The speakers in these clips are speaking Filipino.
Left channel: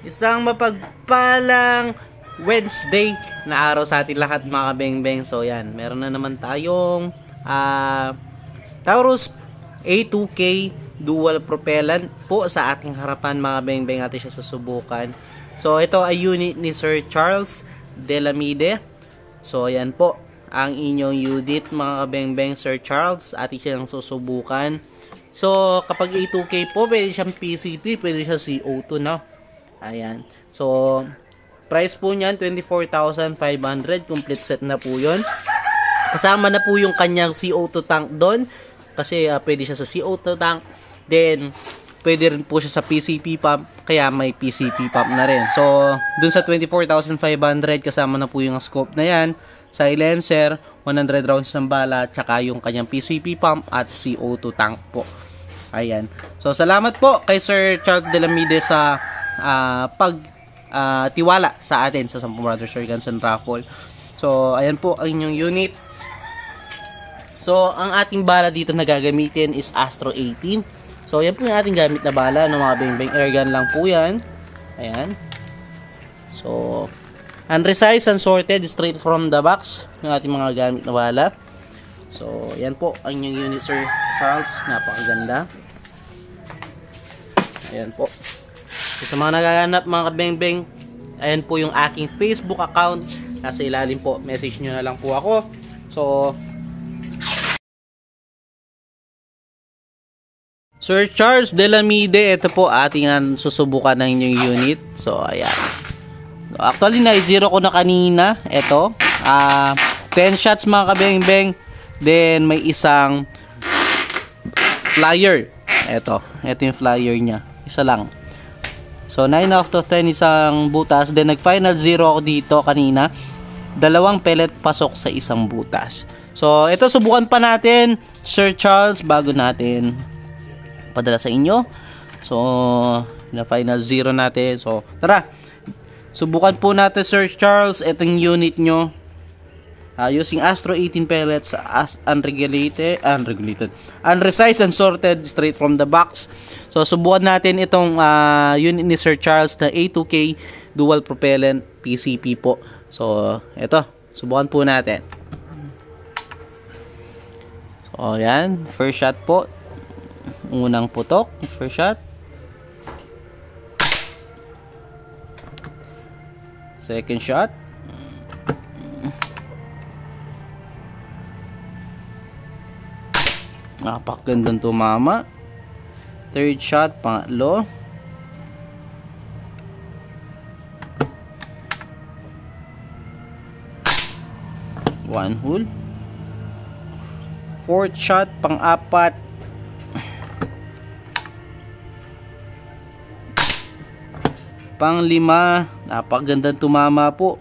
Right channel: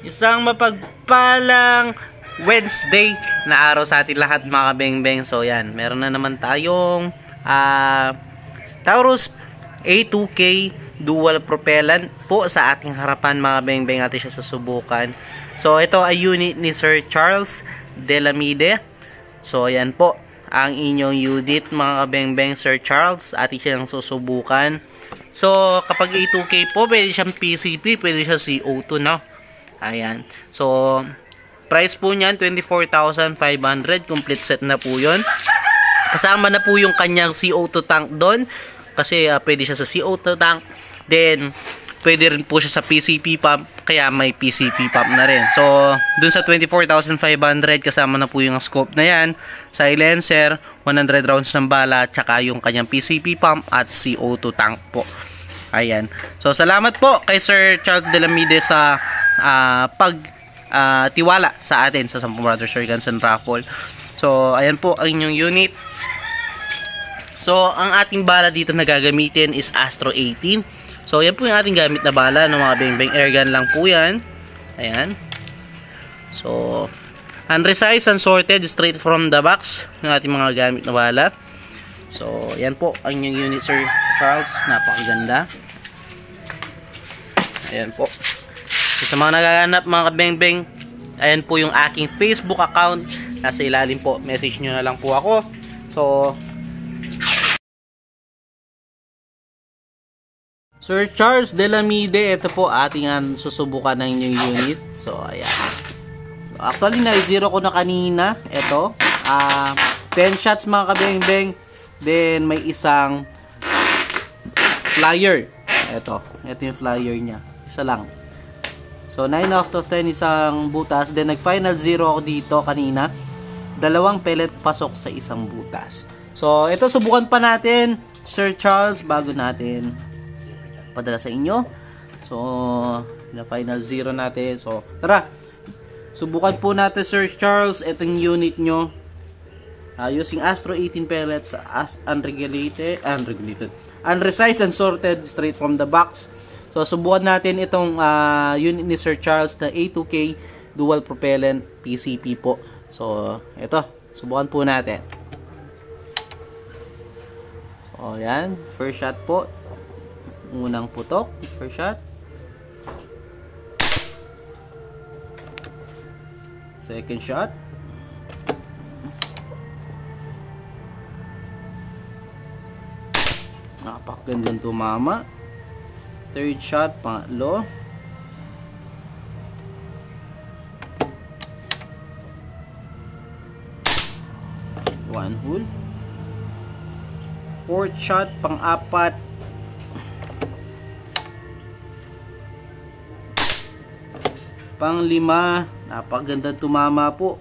Isang mapagpalang Wednesday na araw sa atin lahat mga kabengbeng. So yan, meron na naman tayong Taurus A2K dual propellant po sa ating harapan mga bengbeng. Atin siya susubukan. So ito ay unit ni Sir Charles Delamide. So yan po ang inyong unit mga kabengbeng, Sir Charles. Atin siyang susubukan. So kapag A2K po, pwede siyang PCP, pwede siya CO2, no? Ayan. So price po niyan 24,500, complete set na po 'yon. Kasama na po yung kanyang CO2 tank doon kasi pwede siya sa CO2 tank. Then pwede rin po siya sa PCP pump, kaya may PCP pump na rin. So dun sa 24,500 kasama na po yung scope na yan, silencer, 100 rounds ng bala, tsaka yung kanyang PCP pump at CO2 tank po. Ayan. So salamat po kay Sir Charles Delamide sa tiwala sa atin sa Sampo Brothers Air Guns and Raffle. So ayan po ang inyong unit. So ang ating bala dito na gagamitin is Astro 18. So yan po yung ating gamit na bala ng mga bengbeng, airgun lang po yan. Ayan. So unresized, unsorted, straight from the box yung ating mga gamit na bala. So yan po ang inyong unit, Sir Charles. Napakaganda. Ayan po. So, sa mga nagaganap mga kabengbeng, ayan po yung aking Facebook account. Nasa ilalim po, message nyo na lang po ako. So Sir Charles Delamide, ito po ating susubukan ng inyong unit. So ayan. So, actually na-zero ko na kanina. Ito 10 shots mga kabengbeng. Then may isang flyer. Ito yung flyer nya. Isa lang. So 9 out of 10 isang butas. Then nag final 0 ako dito kanina. Dalawang pellet pasok sa isang butas. So ito subukan pa natin, Sir Charles, bago natin padala sa inyo. So na final 0 natin. So tara, subukan po natin, Sir Charles, itong unit nyo using Astro 18 pellets, unresized and sorted straight from the box. So subukan natin itong unit ni Sir Charles na A2K dual propellant PCP po. So ito, subukan po natin. So yan, first shot po. Unang putok, first shot. Second shot. Napakagandang tumama. Third shot, pangatlo. One hole. Fourth shot, pang-apat. Pang-lima. Napakagandang tumama po.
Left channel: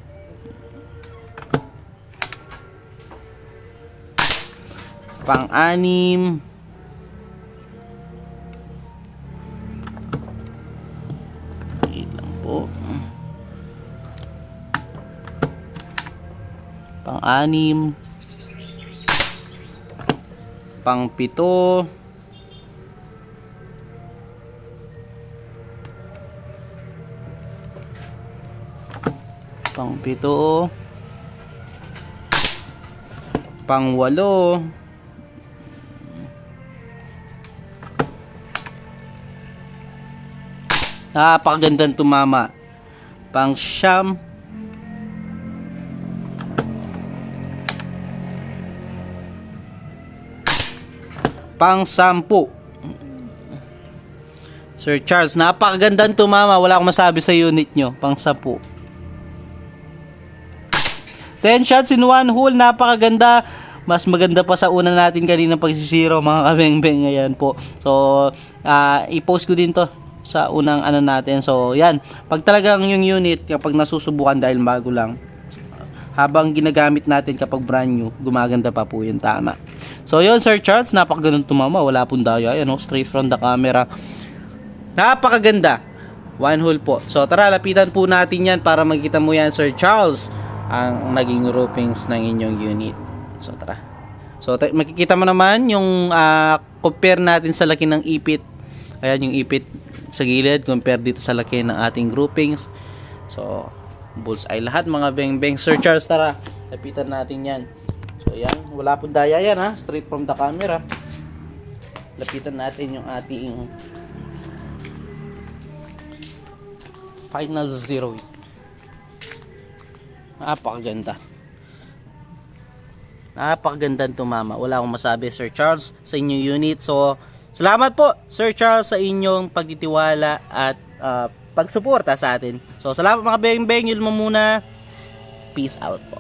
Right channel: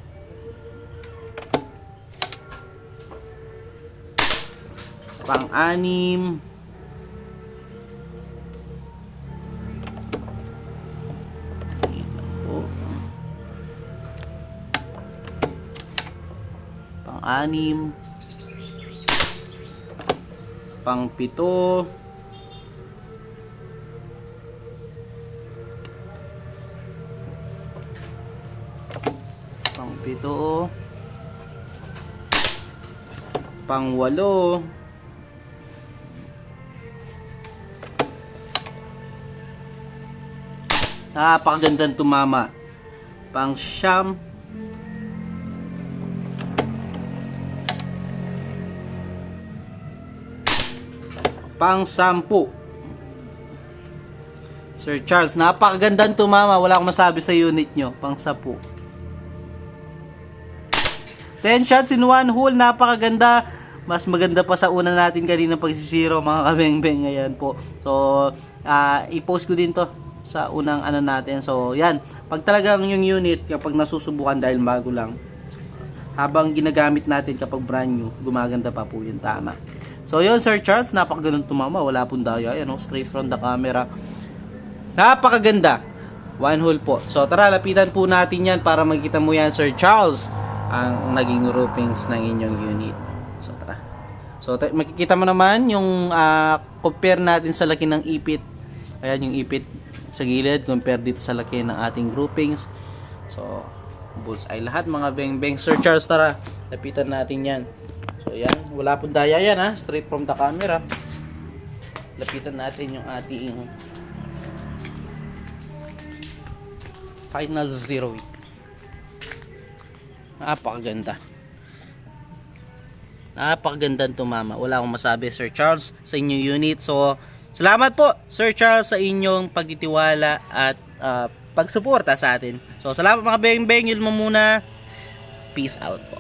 Pang-anim. Wait lang po. Pang-anim. Pang-pito. Pang-pito. Pang-walo. Napakagandang tumama. Pang-siyam. Pang-sampu. Sir Charles, napakagandang tumama. Wala akong masabi sa unit nyo. Pang-sampu. 10 shots in one hole. Napakaganda. Mas maganda pa sa una natin kanina pagsisiro mga kabengbeng. Ayan po. So i-post ko din to sa unang natin. So yan, pag talagang yung unit kapag nasusubukan dahil bago lang, habang ginagamit natin kapag brand new, gumaganda pa po yung tama. So yun, Sir Charles, napakagandang tumama. Wala pong daya. Ayan, straight from the camera. Napakaganda. One hole po. So tara, lapitan po natin yan para makita mo yan, Sir Charles, ang naging groupings ng inyong unit. So tara. So makikita mo naman yung compare natin sa laki ng ipit. Ayan yung ipit. sa gilid compare dito sa laki ng ating groupings. So bullseye lahat mga beng-beng. Sir Charles, tara, lapitan natin yan. So yan, wala pong daya yan ha, straight from the camera. Lapitan natin yung ating final zero. Napakagandang tumama. Wala akong masabi, Sir Charles, sa inyong unit. So salamat po, Sir Charles, sa inyong pagtitiwala at pagsuporta sa atin. So salamat mga beng-beng, yun mo muna. Peace out po.